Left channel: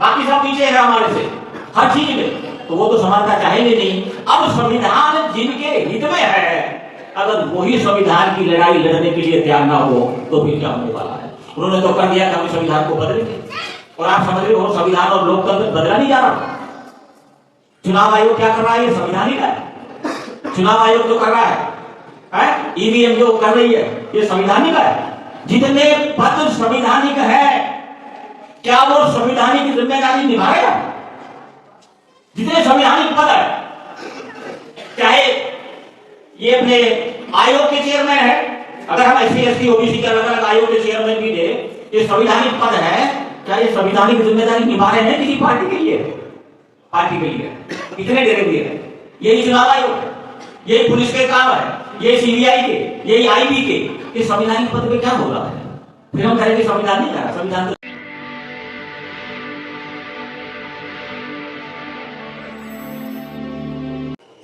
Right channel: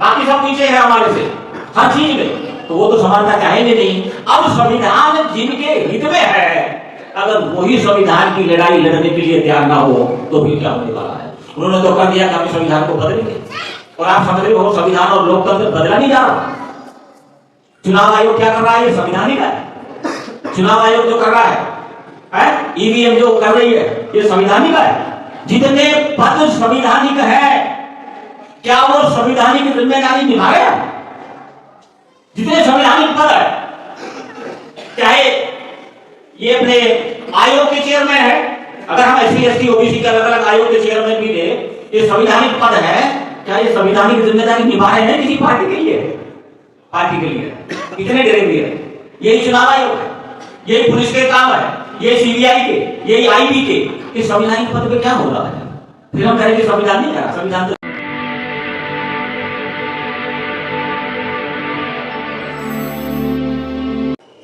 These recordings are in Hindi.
बाकी सब पीछे है हमारे से हर चीज में, तो वो तो समानता चाहेंगे नहीं। अब संविधान जिनके हित में है, अगर वही संविधान की लड़ाई लड़ने के लिए तैयार ना हो तो फिर क्या होने वाला है। उन्होंने तो कर दिया कि हम संविधान को बदलेंगे, और आप समझ रहे हो संविधान और लोकतंत्र बदला नहीं जा रहा। चुनाव आयोग क्या कर रहा है, ये संविधानिक है। चुनाव आयोग जो कर रहा है ईवीएम जो कर रही है, ये संविधानिक है। जितने पद संविधानिक है, क्या वो संविधानिक जिम्मेदारी निभा रहे हैं? जितने संविधानिक पद है, चाहे ये अपने आयोग के चेयरमैन है, अगर हम एससी एसटी ओबीसी के अलग अलग आयोग के चेयरमैन भी ले, ये संविधानिक पद है, क्या ये संविधानिक जिम्मेदारी निभा रहे हैं किसी पार्टी के लिए? पार्टी के लिए कितने गिरेंगे? यही चुनाव आयोग, यही पुलिस के काम है, ये सीबीआई के, यही आईबी के, इस संविधानिक पद पे क्या हो रहा है? फिर हम कहेंगे संविधान नहीं है। संविधान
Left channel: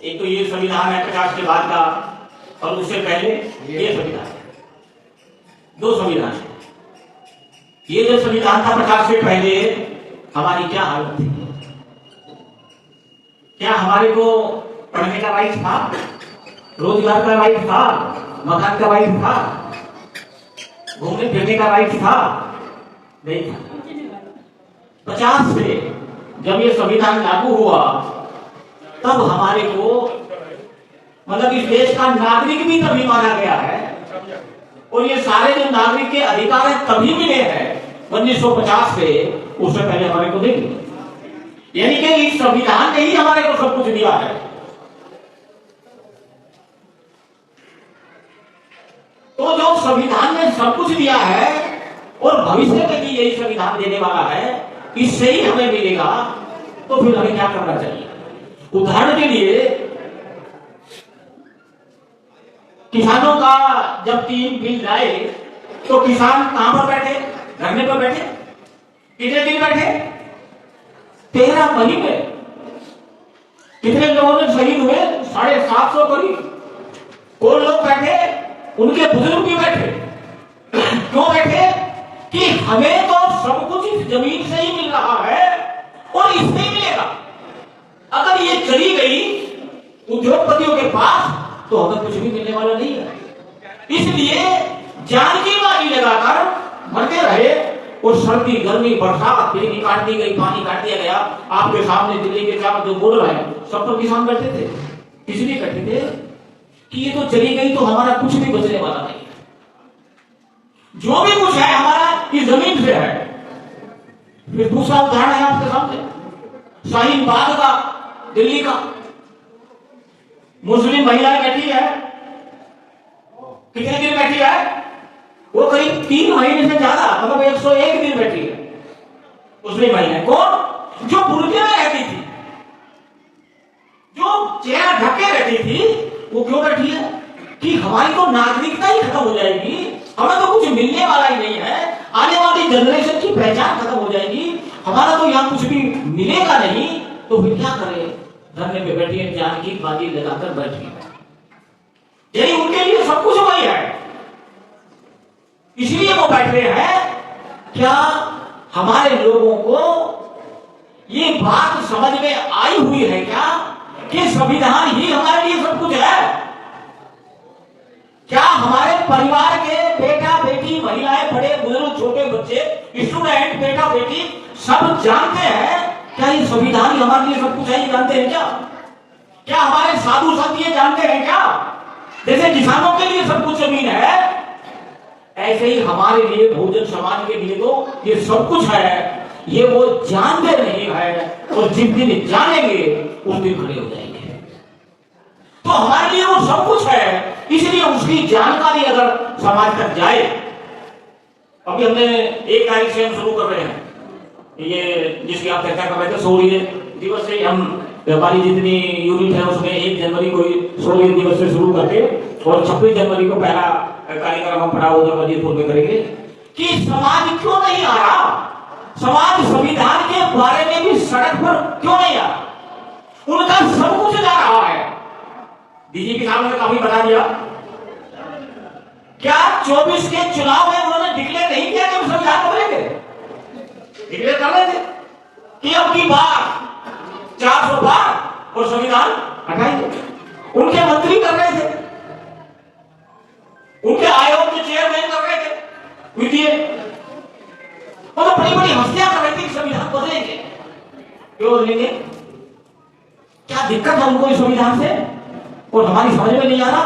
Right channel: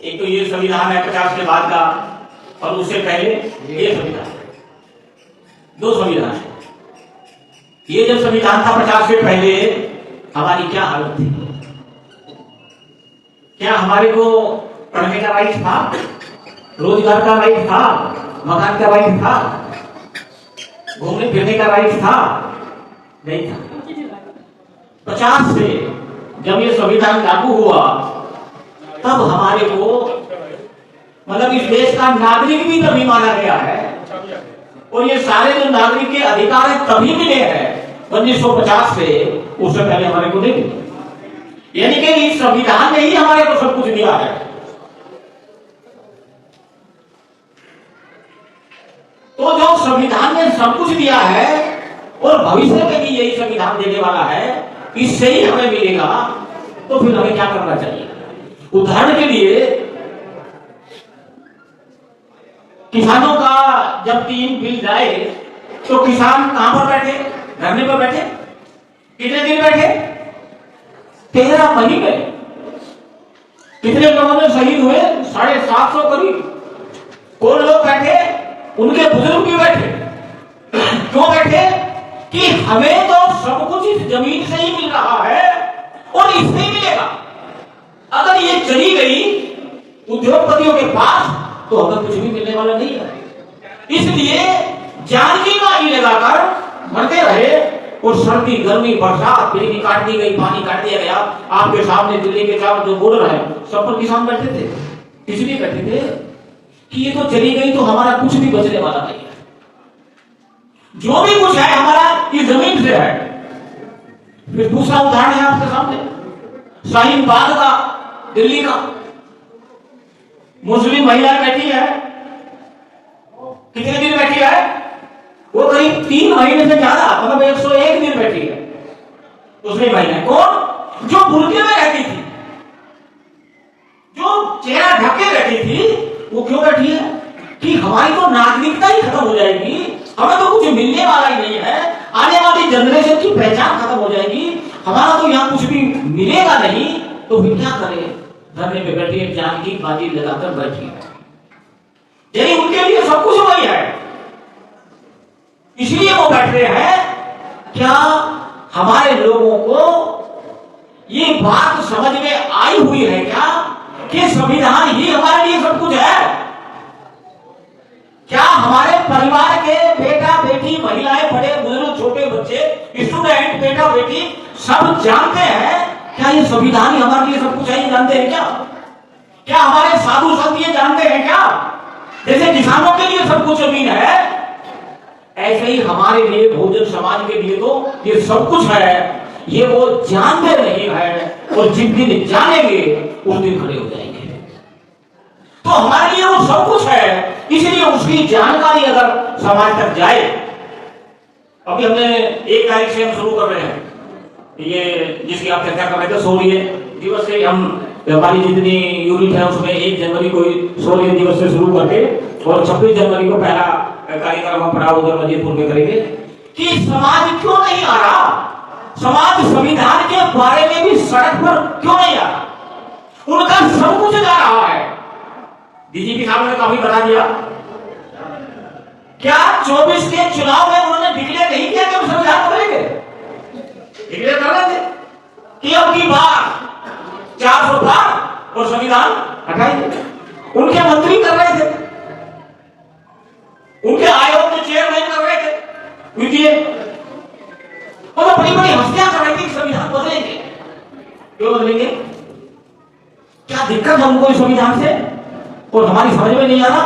एक तो ये संविधान है 50 के बाद का, और उससे पहले ये संविधान है। दो संविधान है। ये जो संविधान था 50 से पहले, हमारी क्या हालत थी? क्या हमारे को पढ़ने का राइट था, रोजगार का राइट था, मकान का राइट था, घूमने फिरने का राइट था? नहीं था। 50 से जब ये संविधान लागू हुआ, तब हमारे को मतलब इस देश का नागरिक भी तभी माना गया है, और ये सारे जो नागरिक के अधिकार तभी मिले हैं 1950 से, उससे पहले हमारे को नहीं। यानी कि इस संविधान ने ही हमारे को सब कुछ दिया है। तो जो संविधान ने सब कुछ दिया है, और भविष्य में भी यही संविधान देने वाला है, इससे ही हमें मिलेगा, तो फिर हमें क्या करना चाहिए? उदाहरण के लिए किसानों का जब 3 बिल जाए, तो किसान कहां पर बैठे? धरने पर बैठे। कितने दिन बैठे? 13 महीने। कितने लोगों ने शहीद हुए? 750 करीब। कौन लोग बैठे? उनके बुजुर्ग भी बैठे। क्यों बैठे? कि हमें तो सब कुछ इस जमीन से ही मिल रहा है, और इससे ही मिलेगा। अगर ये चली गई उद्योगपतियों के पास, तो हमें कुछ भी मिलने वाला नहीं है। इसलिए जान की मारी लगाकर मरते रहे, और सर्दी गर्मी बरसात बिजली काट दी गई, पानी काट दिया गया। आपके सामने दिल्ली के चार जो बोल रहे हैं, सब पर किसान बैठे थे। इसलिए बैठे थे कि ये तो चली गई, तो हमारा कुछ भी बचने वाला नहीं है। जो भी कुछ है हमारा इस जमीन से है। फिर दूसरा उदाहरण है आपके सामने, शाहीन बाग का, दिल्ली का। मुस्लिम महिला बैठी है, कितने दिन बैठी है? वो करीब 3 महीने से ज्यादा, मतलब 101 दिन बैठी है मुस्लिम महिला। कौन? जो बुर्के में रहती थी, जो चेहरा ढक के रहती थी, वो क्यों बैठी है? कि हमारी तो नागरिकता ही खत्म हो जाएगी, हमें तो कुछ मिलने वाला ही नहीं है, आने वाली जनरेशन की पहचान खत्म हो जाएगी, हमारा तो यहाँ कुछ भी मिलेगा नहीं, तो फिर क्या करें? धरने पे बैठी है, जान की बाजी लगाकर बैठी है। यानी उनके लिए सब कुछ वही है, इसलिए वो बैठ रहे हैं। क्या हमारे लोगों को ये बात समझ में आई हुई है क्या कि संविधान ही हमारे लिए सब कुछ है? क्या हमारे परिवार के बेटा बेटी, महिलाएं, बड़े बुजुर्ग, छोटे बच्चे, स्टूडेंट, बेटा बेटी सब जानते हैं क्या ये संविधान ही हमारे लिए सब कुछ है? जानते हैं क्या? क्या हमारे साधु संत ये जानते हैं क्या? जैसे किसानों के लिए सब कुछ जमीन है, ऐसे ही हमारे लिए, बहुजन समाज के लिए तो ये सब कुछ है। ये वो जानते नहीं है, और जिस दिन जानेंगे उस दिन खड़े हो जाएंगे। तो हमारे लिए वो सब कुछ है, इसलिए उसकी जानकारी अगर समाज तक जाए। अभी हमने 1 तारीख से हम शुरू कर रहे हैं, ये जिसकी आप चर्चा कर रहे थे, सूर्य दिवस से हम हमारी जितनी यूनिट है उसमें 1 जनवरी को सूर्य दिवस से शुरू करके, और 26 जनवरी को पहला कार्यक्रम हम पराउदर वजीरपुर में करेंगे। कि समाज क्यों नहीं आ रहा? समाज संविधान के बारे में भी सड़क पर क्यों नहीं आ रहा? उनका सब कुछ जा रहा है। डीजीपी साहब ने काफी बता दिया। क्या 24 के चुनाव में उन्होंने डिक्लेयर नहीं किया कि हम संविधान करेंगे? डिक्लेयर कर रहे थे, कि अब की बार 400 पार और संविधान हटाएंगे। उनके मंत्री कर रहे थे, उनके आयोग के चेयरमैन कर रहे थे, यूपीए वो तो बड़ी बड़ी हस्तियां कर रही थी संविधान बदलेंगे। क्यों बदलेंगे? क्या दिक्कत है उनको इस संविधान से और हमारी समझ में नहीं आ रहा।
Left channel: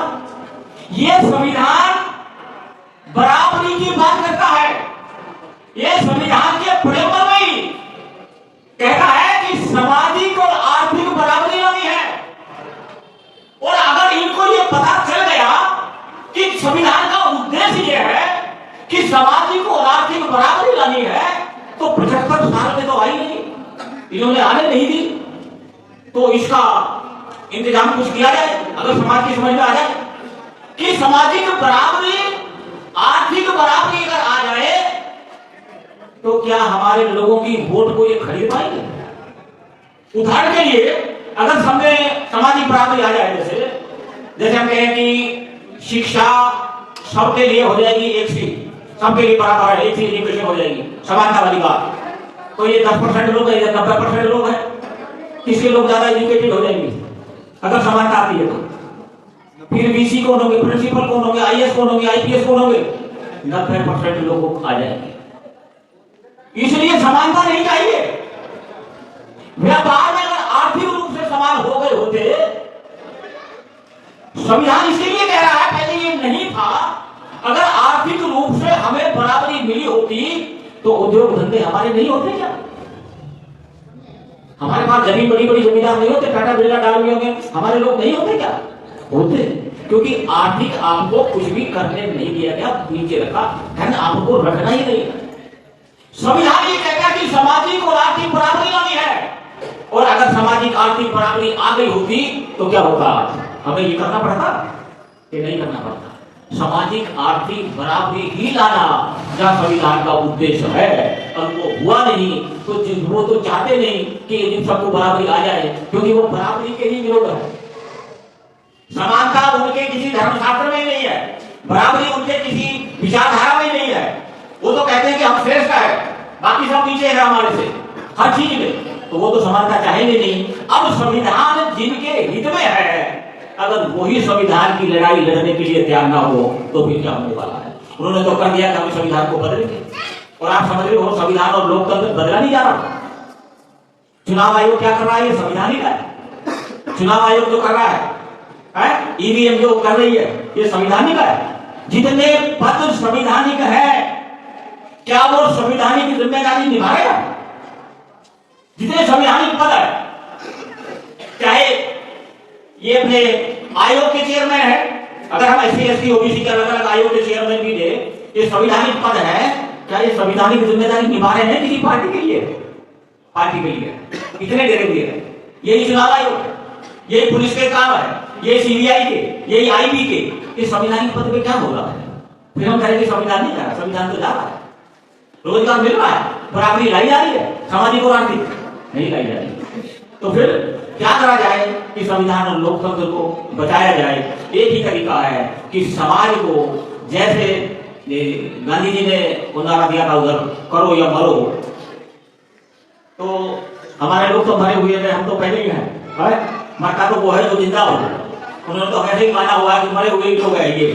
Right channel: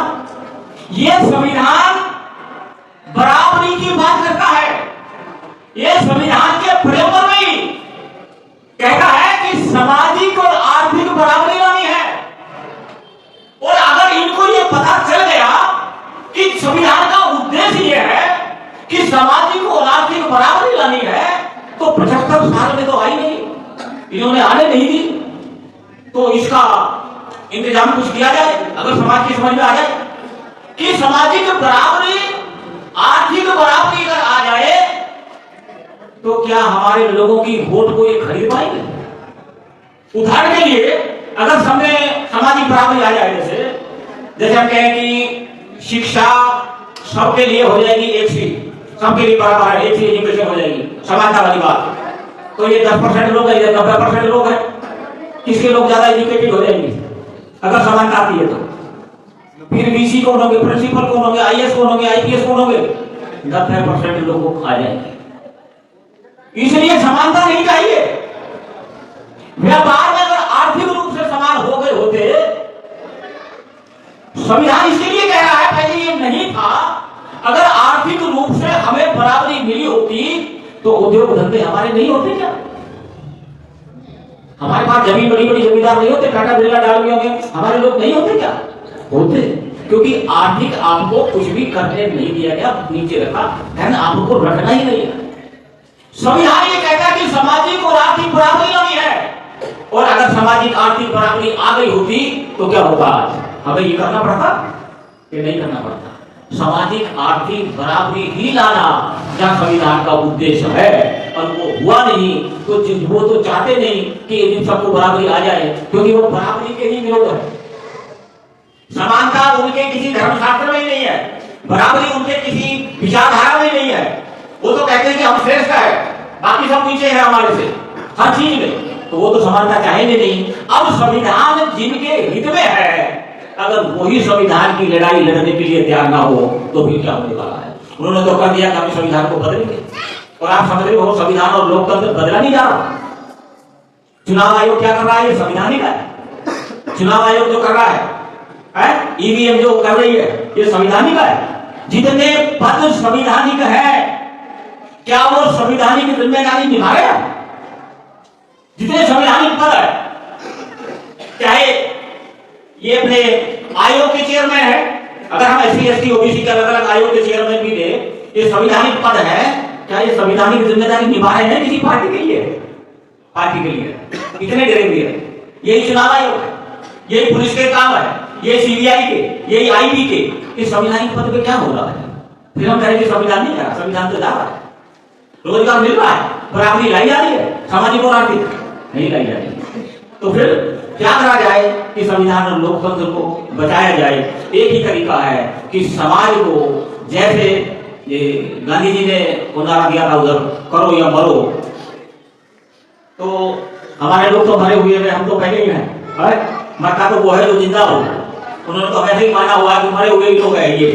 ये संविधान बराबरी की बात करता है। ये संविधान के प्रेम में ही कहता है कि सामाजिक और आर्थिक बराबरी लानी है। और अगर इनको ये पता चल गया कि संविधान का उद्देश्य ये है कि सामाजिक और आर्थिक बराबरी लानी है, तो 75 साल में तो आई नहीं, इन्होंने आने नहीं दी। तो इसका इंतजाम कुछ किया जाए, अगर समाज की समझ में आ जाए कि सामाजिक बराबरी आर्थिक बराबरी अगर आ जाए तो क्या हमारे लोगों की वोट को ये खरीद पाएंगे? उदाहरण के लिए अगर सामाजिक बराबरी आ जाए, जैसे हम कहें कि शिक्षा सबके लिए हो जाएगी, एक सीट सबके लिए बराबर है, एक सीट एजुकेशन हो जाएगी, समानता वाली बात। तो ये 10% लोग है, ये 90% लोग है, किसके लोग ज्यादा एजुकेटेड हो जाएंगे अगर समानता आती है तो? फिर बीसी कौन होंगे, प्रिंसिपल कौन होंगे, आईएएस कौन होंगे, आईपीएस कौन होंगे? 90% लोग आ जाएंगे। इसलिए समानता नहीं चाहिए। व्यापार में अगर आर्थिक रूप से समान हो गए होते, संविधान इसलिए कह रहा है, पहले ये नहीं था, अगर आर्थिक रूप से हमें बराबरी मिली होती तो उद्योग धंधे हमारे नहीं होते क्या? हमारे पास जमीन बड़ी बड़ी जमींदार नहीं होते, टाटा बिरला डालमिया में हमारे लोग नहीं होते क्या? होते, क्योंकि आर्थिक आपको कुछ भी करने नहीं दिया गया, नीचे रखा है ना, आपको रखना ही नहीं। संविधान ये कहता है कि सामाजिक और आर्थिक बराबरी लानी है, और अगर सामाजिक आर्थिक बराबरी आ गई होती तो क्या होता? हमें ये करना पड़ता कि नहीं करना पड़ता? सामाजिक आर्थिक बराबरी ही लाना जहां संविधान का उद्देश्य है, और वो हुआ नहीं तो वो तो चाहते नहीं कि इन सबको बराबरी आ जाए, क्योंकि वो बराबरी के ही विरोध है। समानता उनके किसी धर्मशास्त्र में ही नहीं है, बराबरी उनके किसी विचारधारा में नहीं है। वो तो कहते हैं कि हम श्रेष्ठ है, बाकी सब नीचे है हमारे से हर चीज में, तो वो तो समानता चाहेंगे नहीं। अब संविधान जिनके हित में है, अगर वही संविधान की लड़ाई लड़ने के लिए तैयार ना हो तो फिर क्या होने वाला है? उन्होंने तो कर दिया कि हम संविधान को बदलेंगे, और आप समझ रहे हो संविधान और लोकतंत्र बदला नहीं जा रहा। चुनाव आयोग क्या कर रहा है? ये संविधानिक है। चुनाव आयोग जो कर रहा है, ईवीएम जो कर रही है, ये संविधानिक है। जितने पद संविधानिक है, क्या वो संविधानिक जिम्मेदारी निभाएगा? जितने संविधानिक पद है, चाहे ये अपने आयोग के चेयरमैन है, अगर हम एससी एसटी ओबीसी के अलग अलग आयोग के चेयरमैन भी ले, ये संविधानिक पद है, क्या ये संविधानिक जिम्मेदारी निभा रहे हैं किसी पार्टी के लिए? पार्टी के लिए कितने डरे हुए हैं? यही चुनाव आयोग है, यही पुलिस के काम है, ये सीबीआई के, यही आईबी के। इस संविधानिक पद पे क्या हो रहा है? फिर हम कहेंगे संविधान नहीं रहा, संविधान तो जा रहा है, रोजगार मिल रहा है, बराबरी लाई जा रही है, सामाजिक और आर्थिक नहीं लाई जा रही। तो फिर क्या करा जाए कि संविधान और लोकतंत्र को बचाया जाए? एक ही तरीका है कि समाज को, जैसे ये गांधी जी ने उदाहरण दिया था, उधर करो या मरो, तो हमारे लोग तो मरे हुए हैं, हम तो पहले ही हैं, मरता तो वो है जो जिंदा हो। उन्होंने तो वैसे ही माना हुआ है कि मरे हुए ही लोग हैं ये।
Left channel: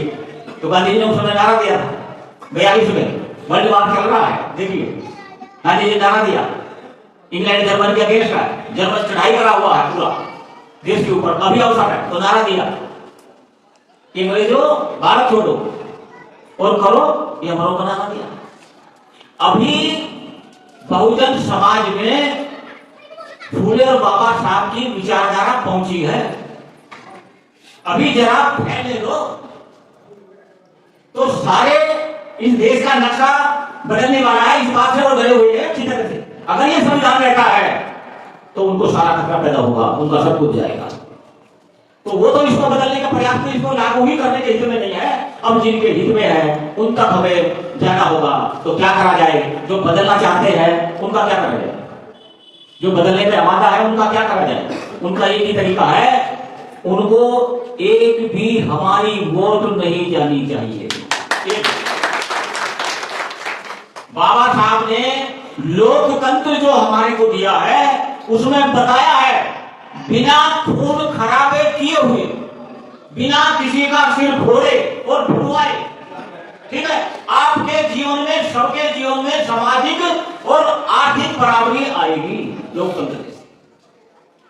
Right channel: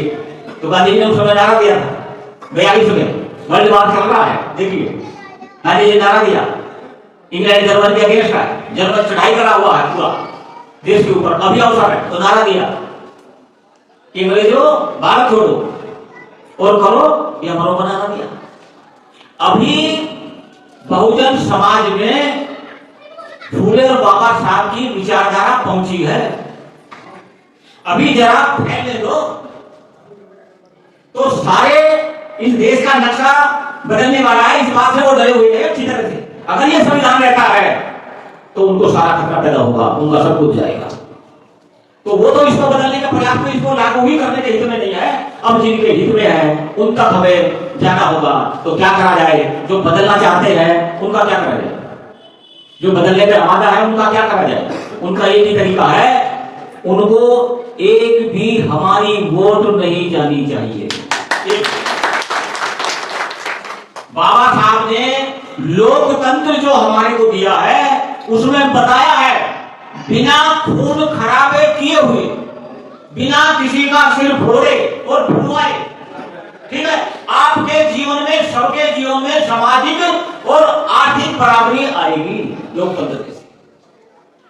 तो गांधी जी ने उस समय नारा दिया था 42 में, वर्ल्ड वार चल रहा है, देखिए गांधी जी नारा दिया, इंग्लैंड जर्मनी के अगेंस्ट है, जर्मन चढ़ाई करा हुआ है पूरा देश के ऊपर, अभी अवसर है, तो नारा दिया कि अंग्रेजों भारत छोड़ दो और करो या मरो का नारा दिया। अभी बहुजन समाज में फूले और बाबा साहब की विचारधारा पहुंची है, अभी जरा फैलने दो तो सारे इस देश का नक्शा बदलने वाला है। इस बात से वो डरे हुए हैं अच्छी तरह से। अगर ये संविधान रहता है तो उनको सारा खतरा पैदा होगा, उनका सब कुछ जाएगा। तो वो तो इसको बदलने का प्रयास, तो इसको लागू ही करने के हित में नहीं है। अब जिनके हित में है उन तक हमें जाना होगा। तो क्या करा जाए? जो बदलना चाहते हैं उनका क्या करा जाए? जो बदलने में आमादा है उनका क्या करा जाए? उनका एक ही तरीका है, उनको एक भी हमारी वोट नहीं जानी चाहिए। बाबा साहब ने लोकतंत्र जो हमारे को दिया है उसमें बताया है बिना खून खराबे किए हुए, बिना किसी का सिर फोड़े और भुलवाए, ठीक है, आपके जीवन में, सबके जीवन में सामाजिक और आर्थिक बराबरी आएगी लोकतंत्र से।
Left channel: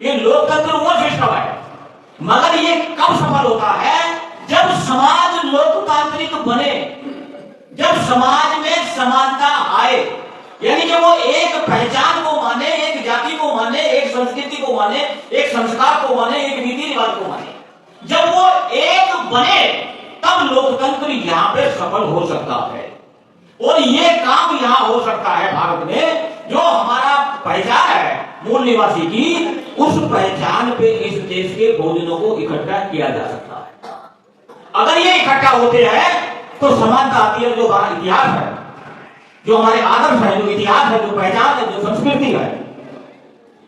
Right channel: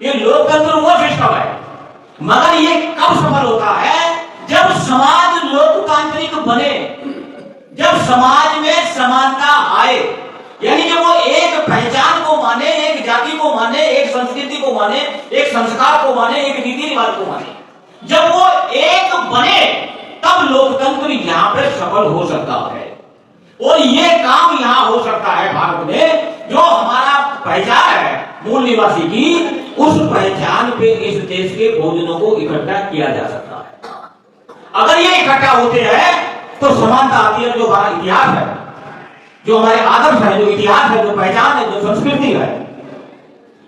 ये लोकतंत्र वो सिस्टम है, मगर ये कब सफल होता है? जब समाज लोकतांत्रिक बने, जब समाज में समानता आए, यानी कि वो एक पहचान को माने, एक जाति को माने, एक संस्कृति को माने, एक संस्कार को माने, एक रीति रिवाज को माने। जब वो एक बने तब लोकतंत्र यहां पे सफल हो सकता है। और ये काम यहां हो सकता है भारत में, जो हमारा पहचान है मूल निवासी की, उस पहचान पे इस देश के बहुजनों को इकट्ठा किया जा सकता है। अगर ये इकट्ठा होते हैं तो समानता आती है। जो हमारा इतिहास है, जो हमारे आदर्श है, जो इतिहास है, जो पहचान है, जो संस्कृति है,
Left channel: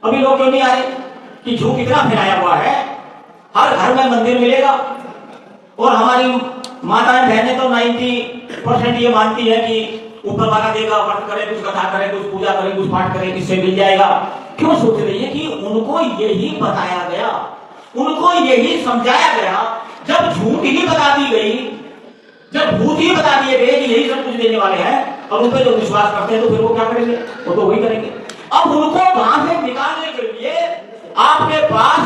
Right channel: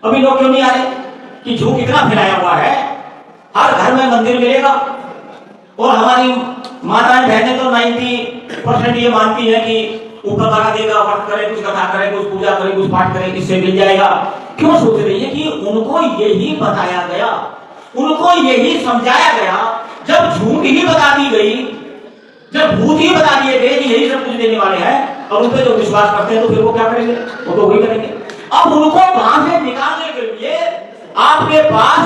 अभी लोग क्यों नहीं आ रहे कि झूठ इतना फैलाया हुआ है, हर घर में मंदिर मिलेगा और हमारी माताएं बहनें तो 90% ये मानती है कि ऊपर वाला देगा, व्रत करे, कुछ कथा करे, कुछ पूजा करे, कुछ पाठ करे, इससे मिल जाएगा। क्यों सोच रही है कि उनको यही बताया गया, उनको यही समझाया गया। जब झूठ ही बता दी गई, जब भूत ही बता दिए गए कि यही सब कुछ देने वाले हैं, और उन पर जो विश्वास करते हैं तो फिर वो क्या करेंगे? वो तो वही करेंगे। अब उनको वहां से निकालने के लिए आपके पास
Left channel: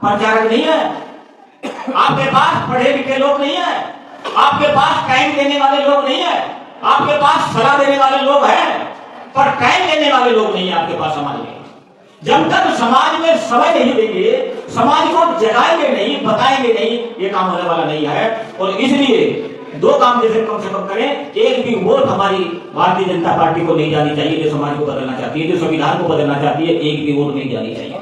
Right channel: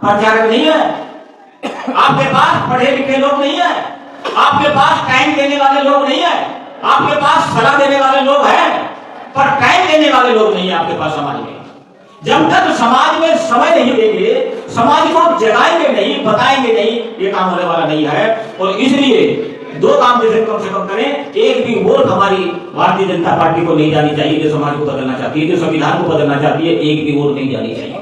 प्रचारक नहीं है, आपके पास पढ़े लिखे लोग नहीं है, आपके पास टाइम देने वाले लोग नहीं है, आपके पास सलाह देने वाले लोग हैं, पर टाइम देने वाले लोग नहीं है आपके पास समाज में। जब तक समाज में समय नहीं देंगे, समाज को जगाएंगे नहीं, बताएंगे नहीं, ये काम होने वाला नहीं है। और इसलिए दो काम जैसे कम से कम करें। एक भी वोट हमारी भारतीय जनता पार्टी को नहीं जानी चाहिए, जो समाज को बदलना चाहती है, जो संविधान को बदलना चाहती है, एक भी वोट नहीं जानी चाहिए।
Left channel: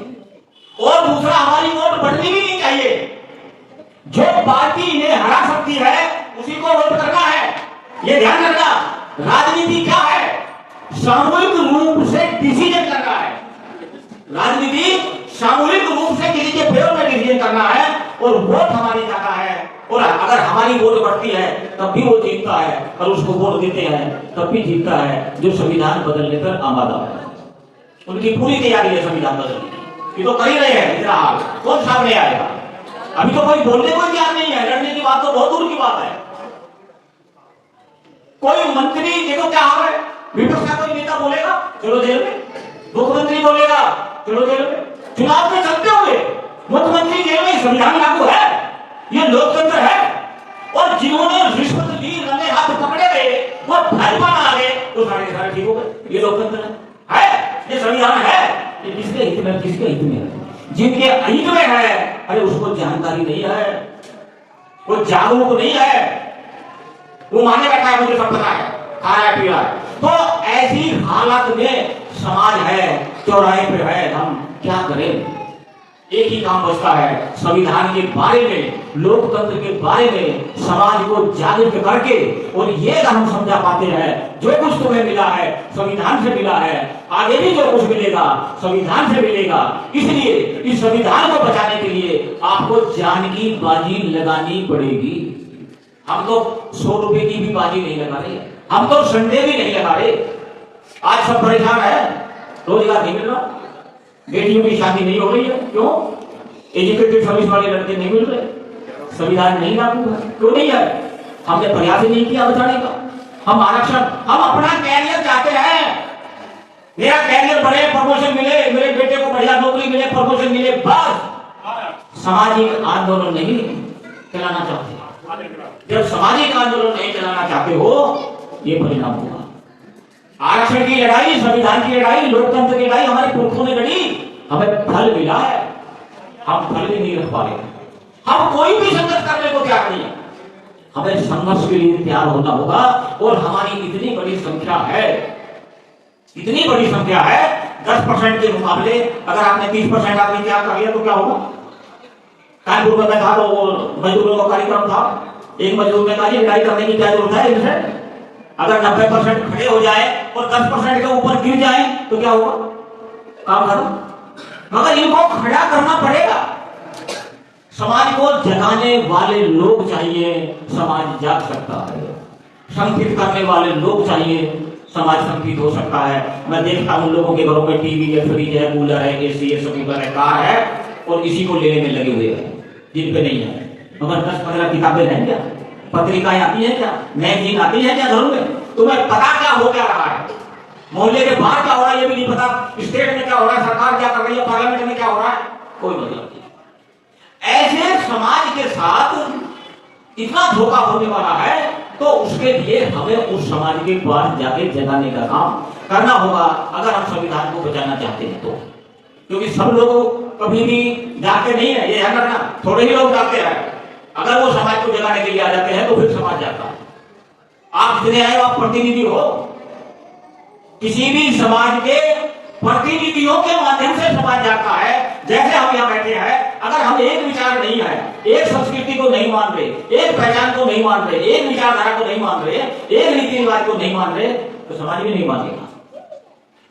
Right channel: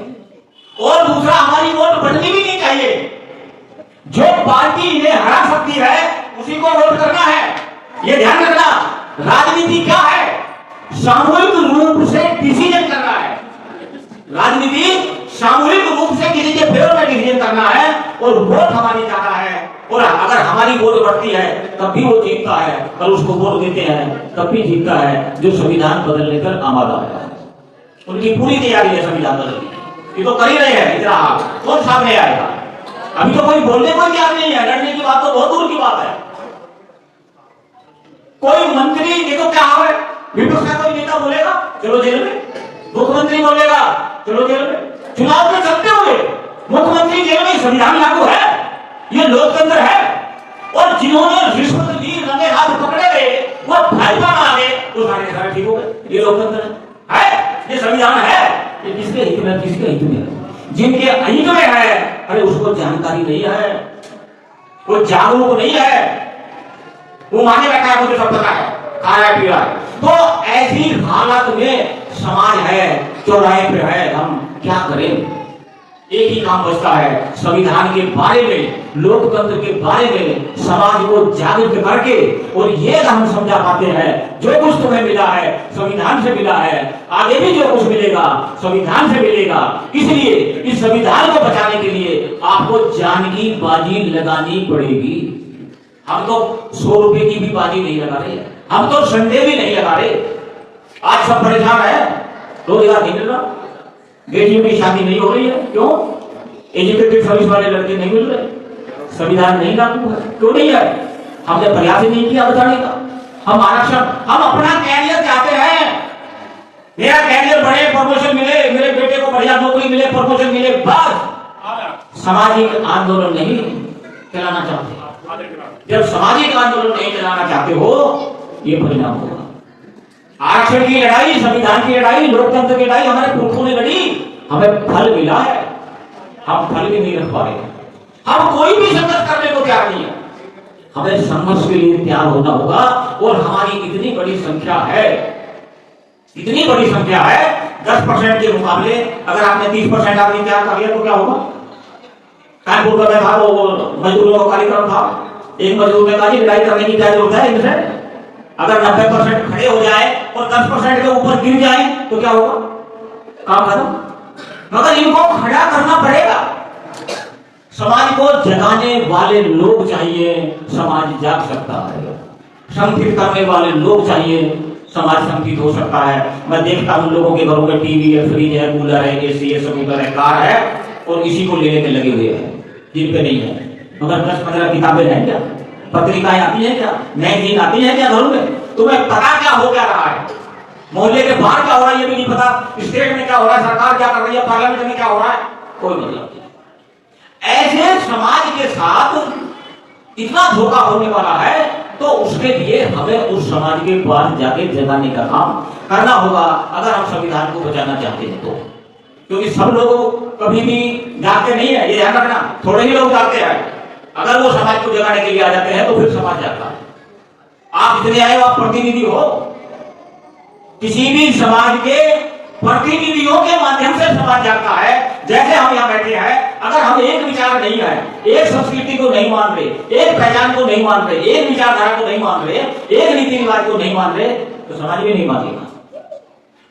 और दूसरा, हमारी वोट बननी भी नहीं चाहिए। जो पार्टी इन्हें हरा सकती है उसी को वोट करना है। ये ध्यान रखना, राजनीति क्या है? सामूहिक रूप से डिसीजन करना है। राजनीति सामूहिक रूप से किसी के फेवर में डिसीजन करना है, और वोट हमारी ज्यादा है। और अगर हमारी वोट बढ़ती है तब भी वो जीतता है, और उसको वोट देते हैं तब भी जीतता है जो संविधान बदलने पर आमादा है। उनकी पूरी तैयारी है संविधान बदलने, ये तो कर ही रहे हैं। इतना हाल कौन सामने आएगा? अभी तो कोई बोलने को तैयार नहीं है, लड़ने की बात तो बहुत दूर की बात है। कोई मंत्री देखो क्या हाल है, विपक्ष का कोई नेता बोलेगा चलो जेल में, मुख्यमंत्री बोलेगा चलो जेल में। चुनाव में चलते हुए मुख्यमंत्री जेल में, संविधान लागू है, ये लोकतंत्र है। और जिन्होंने रिश्वत ली, रंगे हाथ पकड़े गए, वो भाजपा में आ गए, तो सारे ठीक हो गए। ये लोकतंत्र है, ये संविधान है। ये किसके हित में? किसके हित में? जिनके हित में है, अरे उसको जानकारी नहीं है, वो जागरूक नहीं है, वो माने बैठा है मुझे सब पता है, खा रहा है, पी रहा है। तो ऐसी हालत में समाज है, चौराहे पे है, हम क्या करें? एक ही काम बचता है, संविधान के बारे में, लोकतंत्र के बारे में समाज को जागरूक करके, और ये हम समझा पाते हैं जो कुछ तुम्हें मिला है संविधान से मिला है, आगे भी जो कुछ मिलेगा संविधान से मिलेगा। इसलिए इस संविधान को बचाने के लिए आपको जान की बाजी लगानी पड़ेगी। हम तो 100 रुपए की भी बाजी नहीं लगा रहे, हम तो संडे भी नहीं लगा रहे। आज सब परेशान है, रोजगार नहीं मिल रहा, बेटियों की शादी नहीं हो रही है, क्यों? एजुकेटेड सर्विस वाले लड़के नहीं मिल रहे, संविधान नहीं लागू है। क्यों नहीं है? हमने प्रयास ही नहीं किया बताने का। हम आरक्षण, हम अपना कैरियर चाहते हैं, मेरा कैरियर बढ़े, प्रमोशन मिले, मेरे बेटे को बढ़िया नौकरी मिले, प्रमोशन मिले, बस। सामाजिक आंदोलन नहीं चलाना चाहते। जब सामाजिक आंदोलन नहीं चलाना चाहते हो, ये परिणाम होगा। आरक्षण की लड़ाई, संविधान की लड़ाई, लोकतंत्र की लड़ाई हमारे पुरखों ने लड़ी, हमें फल मिला है, हम फल भी नहीं रख पा रहे। हम कोई भी संघर्ष करने को तैयार नहीं है, हमें संघर्ष के लिए तैयार होना होगा। और हमारी इतनी बड़ी संख्या है, इतनी बड़ी संख्या है, 10% के मुकाबले अगर आपने 30% आदमी तैयार कर लिया तो क्या होगा? कानपुर में था वो मजदूरों का कार्यक्रम था, एक मजदूर ने कहा कि लड़ाई करने की क्या जरूरत है इनसे? अगर 90% खड़े हो जाए और 10% के ऊपर गिर जाए तो क्या होगा? काम खत्म। मगर इनको खड़ा करना पड़ेगा। समाज को जगाने वाले लोग चाहिए, समाज जाग सकता है। संगठित करने वाले लोग चाहिए, समाज संगठित हो सकता है। मैं देखता हूँ लोगों के घरों में टीवी है, फ्रिज है, कूलर है, एसी है, स्कूटर है, कार है, और इसी को लेने में लगे हुए हैं जिन पे नहीं है। मगर 10-15 किताबें हैं क्या, पत्रिकाएं आती हैं क्या, मैगजीन आती हैं क्या घरों में? तुम्हें पता क्या हो क्या रहा है? मोहल्ले के बाहर क्या हो रहा है ये भी नहीं पता, स्टेट में क्या हो रहा है, सरकार क्या कर रही है, पार्लियामेंट में क्या हो रहा है, कोई मतलब नहीं। ऐसे समाज के साथ इतना धोखा होने वाला है, तो उसके लिए हमें उस समाज के पास जाके जगाने का काम करना होगा, अगर हम संविधान को बचाना चाहते हैं तो। क्योंकि सब लोग कभी भी जागते नहीं है, ये ध्यान रखना, थोड़े ही लोग जागते हैं। अगर वो समाज को जगाने के लिए आ जाते हैं तो फिर समाज जागता है। आप जितने आए आप प्रतिनिधि हो, किसी भी समाज के प्रतिनिधियों के माध्यम से समाज जागता है। जैसे हम यहाँ बैठे हैं, अगर हम एक विचार नहीं है, एक संस्कृति को नहीं मान रहे, एक पहचान को नहीं मान रहे, एक विचारधारा को नहीं मान रहे, एक रीति रिवाज को नहीं मान रहे, तो समाज भी नहीं मानेगा।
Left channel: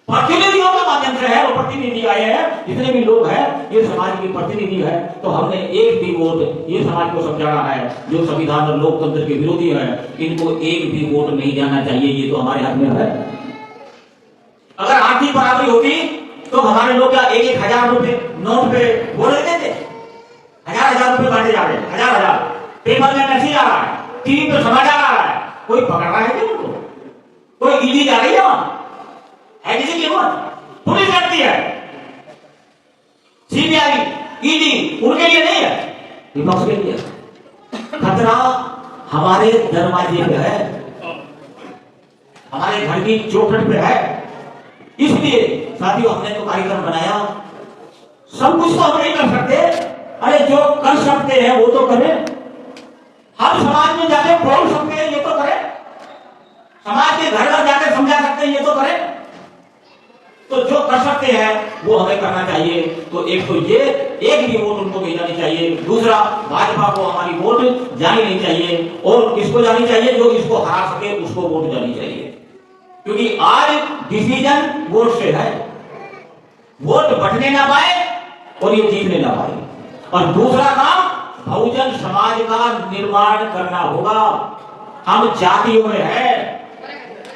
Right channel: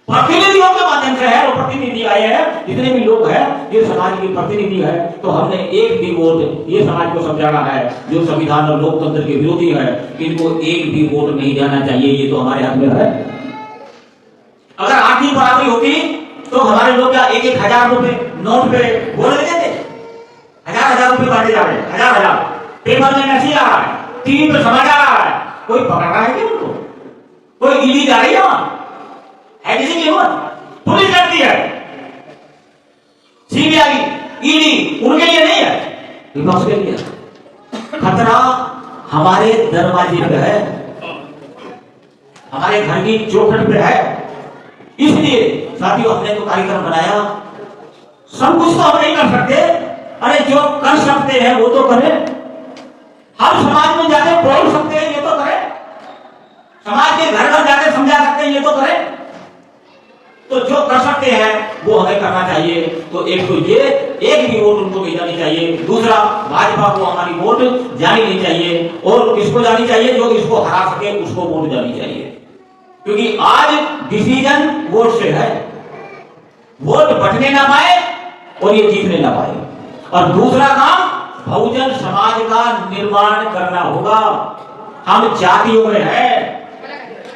प्रतिनिधियों के माध्यम से है, वो प्रतिनिधि आए हैं, जितने भी लोग हैं ये समाज के प्रतिनिधि है। तो हमने एक भी वोट ये समाज को समझाना है जो संविधान और लोकतंत्र के विरोधी है, इनको एक भी वोट नहीं जाना चाहिए, ये तो हमारे हाथ में है। अगर आर्थिक बराबरी होती तो हमारे लोग क्या 1,000 रुपए नोट पे बोल देते थे, 1,000 रुपए बांटे जा रहे हैं, 1,000 पेपर में मैसेज आ रहा है, टीवी पे समाचार आ रहा है, कोई पकड़ रहा है क्या उनको? कोई ईडी जा रही है किसी की हिम्मत? पुलिस करती है, सीबीआई, ईडी उनके लिए नहीं है, विपक्ष के लिए। खतरा हमारे दरवाजे पे है, हमारे घर की चौखट पे है। इसलिए साथियों हमने तो कार्यक्रम बनाया, सब कुछ तो हम नहीं कर सकते, अरे जो कर सकते हैं वो तो करें। हम समाज में जाके बोल सकते हैं, ये तो करें। समाज के घर घर जाके समझा सकते हैं, ये तो करें। तो जो कर सकते हैं वो हमें करना चाहिए। तो एक तो ये, एक भी वोट उनको नहीं जानी चाहिए। दूसरा, भाजपा को हमारी वोट जानी नहीं चाहिए, और किसको जानी चाहिए? जो इसको हरा सके उसको वोट जानी चाहिए, क्योंकि आज डिसीजन वोट से है। वोट बटने ना पाए और ये जीतने ना पाए। और दूसरा काम, बहुजन समाज का निर्माण करना होगा। हम जातियों में है,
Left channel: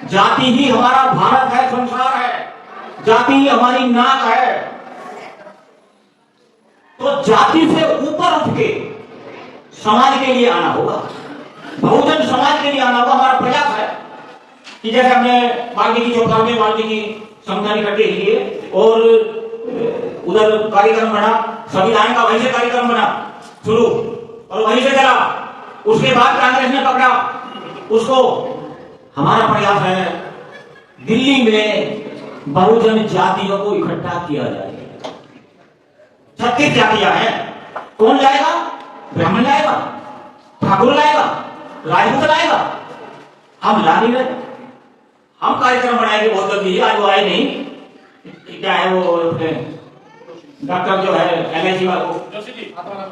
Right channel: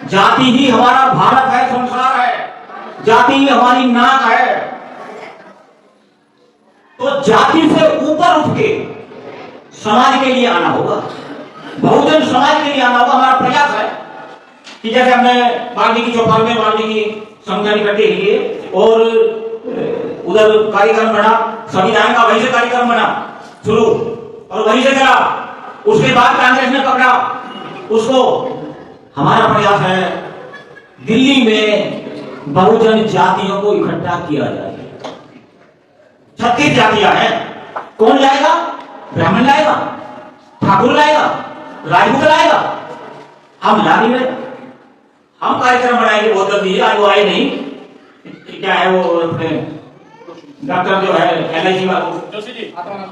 जाति ही हमारा भारत है, संसार है, जाति ही हमारी नाक है। तो जाति से ऊपर उठ के समाज के लिए आना होगा, बहुजन समाज के लिए आना होगा। हमारा प्रयास है कि जैसे हमने वाल्मीकि चौपाल में वाल्मीकि संगठन इकट्ठे किए और उधर कार्यक्रम बना, संविधान का वहीं से कार्यक्रम बना शुरू, और वहीं से चला। उसके बाद कांग्रेस ने पकड़ा उसको। हमारा प्रयास है दिल्ली में बहुजन जातियों को इकट्ठा किया जाए। 36 जातियां हैं, कौन लाएगा? ब्राह्मण लाएगा, ठाकुर लाएगा, राजपूत लाएगा। हम ला नहीं रहे। हम कार्यक्रम बनाएंगे बहुत जल्दी, आज वो आए नहीं, क्या है वो डॉक्टर जो है LIC का,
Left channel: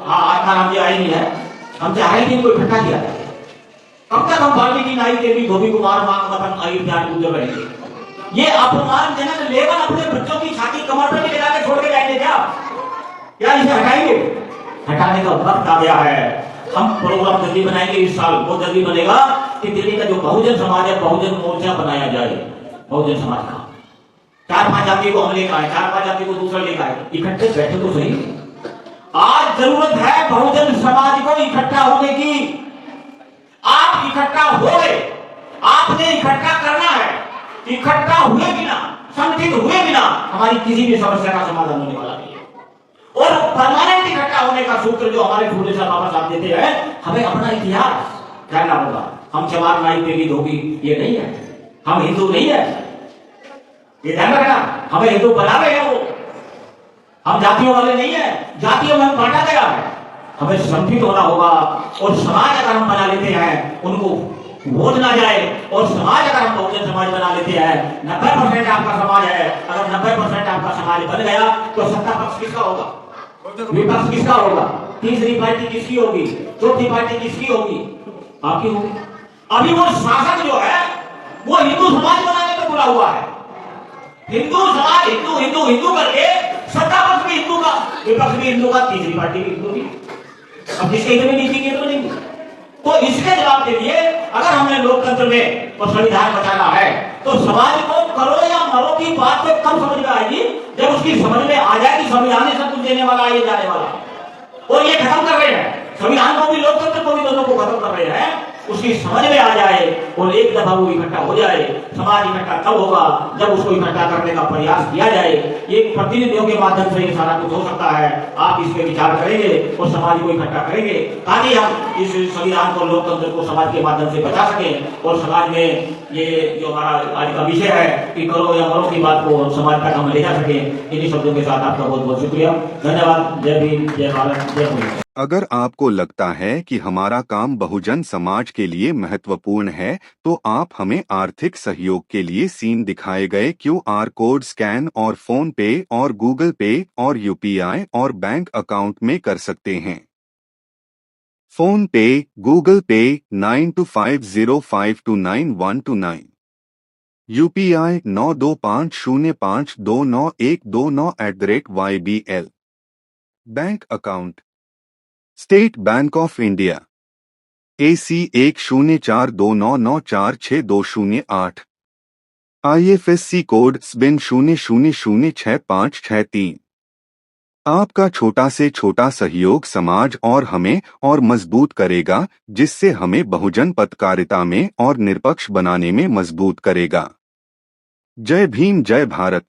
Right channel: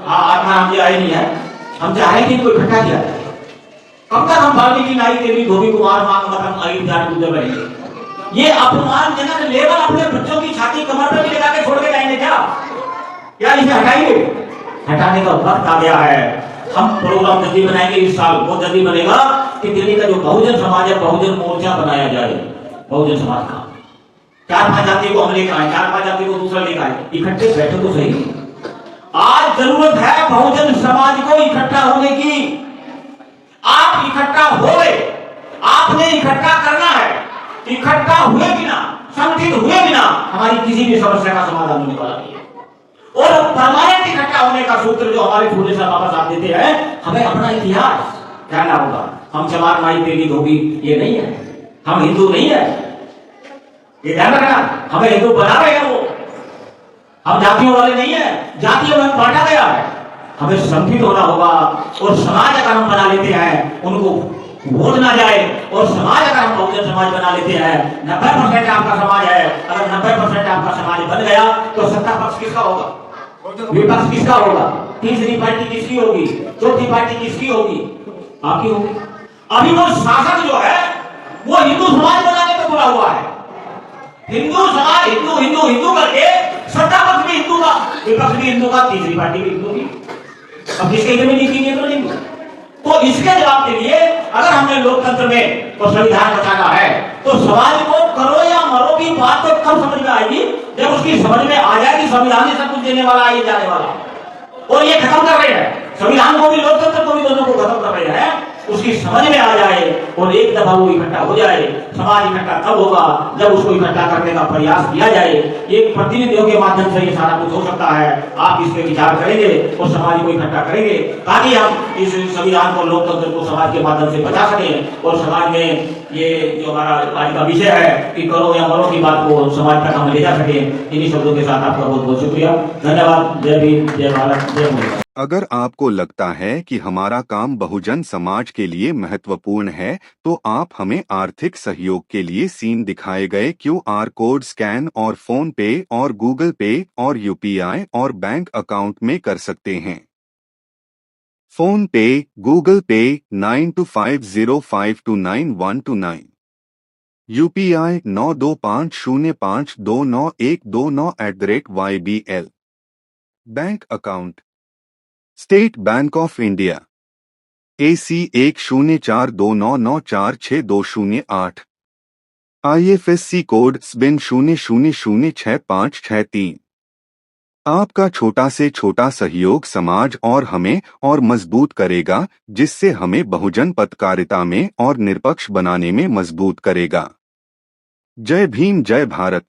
हाँ आत्माराम जी आए नहीं है। हम चाह रहे थे इनको इकट्ठा किया जाए। कब तक हम वाल्मीकि नाई देवी धोबी कुमार मांग मथन आई जाट गुजर रहेंगे? ये अपमानजनक लेवल अपने बच्चों की छाती कमर पर लगा के छोड़ के जाएंगे क्या इसे हटाएंगे? हटाने का वक्त आ गया है। हम प्रोग्राम जल्दी बनाएंगे, इस साल बहुत जल्दी बनेगा कि दिल्ली का जो बहुजन समाज है, बहुजन मोर्चा बनाया जाए। बहुजन समाज का 4-5 जाति को हम लेकर आए, 4-5 जाति को दूसरा लेकर आए, इकट्ठे बैठे तो सही। आज जरूरत है बहुजन समाज को इकट्ठा होने की। आप इकट्ठा हो गए, आपने इकट्ठा करना है। इकट्ठा हुए बिना, संगठित हुए बिना हमारी किसी भी समस्या का समाधान होने वाला नहीं है। और परमानेंट इकट्ठा होने का सूत्र जो हमारे फूले साहब बाबा साहब देते हैं, हमें अपना इतिहास जानना होगा। हम चमार नाई देवी धोबी ये नहीं है, हम हिंदू नहीं है, ये ध्यान रखना। हमें हिंदू बना रहे हैं वो, हम जातियों वाले नहीं है, जातियों में बांटा गया है। हमें संगठित होना होगा, और समाज अगर हम बना लेते हैं उनको वोट ना जाए, और समाज अगर हम बहुजन समाज बना लेते हैं, 90% आपका समाज है, अगर 90% आपका समाज बन गया तो सत्ता पक्ष किसका होगा? विपक्ष किसका होगा? तीसरी पार्टी किसकी होगी? चौथी पार्टी किसकी होगी? आपकी होगी। अभी वो शासक जो है वो हिंदू समाज बनाने में बुला हुआ है। हिंदू समाज हिंदू हिंदू हिंदू करके सत्ता पक्ष भी हिंदू का, विपक्ष भी हिंदू का, तीसरी पार्टी भी हिंदू की। अब किसके हित में जीतेंगे तो नहीं। तो इसके जवाब के लिए अगर हमें लोकतंत्र में और संविधान बचाना है तो समाज को करो या मरो की बात तो कब समझ में आएगी, जब उसकी समझ में आ जाएगी संविधान ही सब कुछ देने वाला आगे जाने वाला। और ये खत्म कर रहे हैं संविधान को भी, लोकतंत्र को भी, दोनों को खत्म कर रहे हैं। उसकी समझ में आ जाए और एक दफा वो इकट्ठा हो जाए। समाज इकट्ठा तब होगा जब उसको इकट्ठा करने का प्रयास किया जाए। ये प्रतिनिधियों के माध्यम से ये सारा कुछ हो सकता है। आप इस पे विचार करेंगे और समाज को इकट्ठा करेंगे ताकि हम इस संविधान को, लोकतंत्र को समाज के माध्यम से बचा सकें और समाज में ये जो हमारा आज का विषय है कि करो या मरो की बात को समाज का हम ले जा सके। इन्हीं शब्दों के साथ आपका बहुत बहुत शुक्रिया, धन्यवाद। जय भीम, जय भारत, जय मोदी। अगर आपको लगता है कि हमारा काम बहुजन समाज के लिए महत्वपूर्ण है, तो आप हमें आर्थिक सहयोग के लिए सीन दिखाए गए QR कोड स्कैन और फोन पे और गूगल पे और UPI और बैंक अकाउंट में कर सकते हैं। फोन पे, गूगल पे 9250529129, UPI 9250529129@YBL। Bank account state bank of India AC 104299462008, IFSC code SBIN 00066563। आपका छोटा से छोटा सहयोग समाज और हमें और मजबूत करेगा, जिससे हमें बहुजन पत्रकारिता में और निष्पक्ष बनाने में मजबूत करेगा। जय भीम, जय भारत।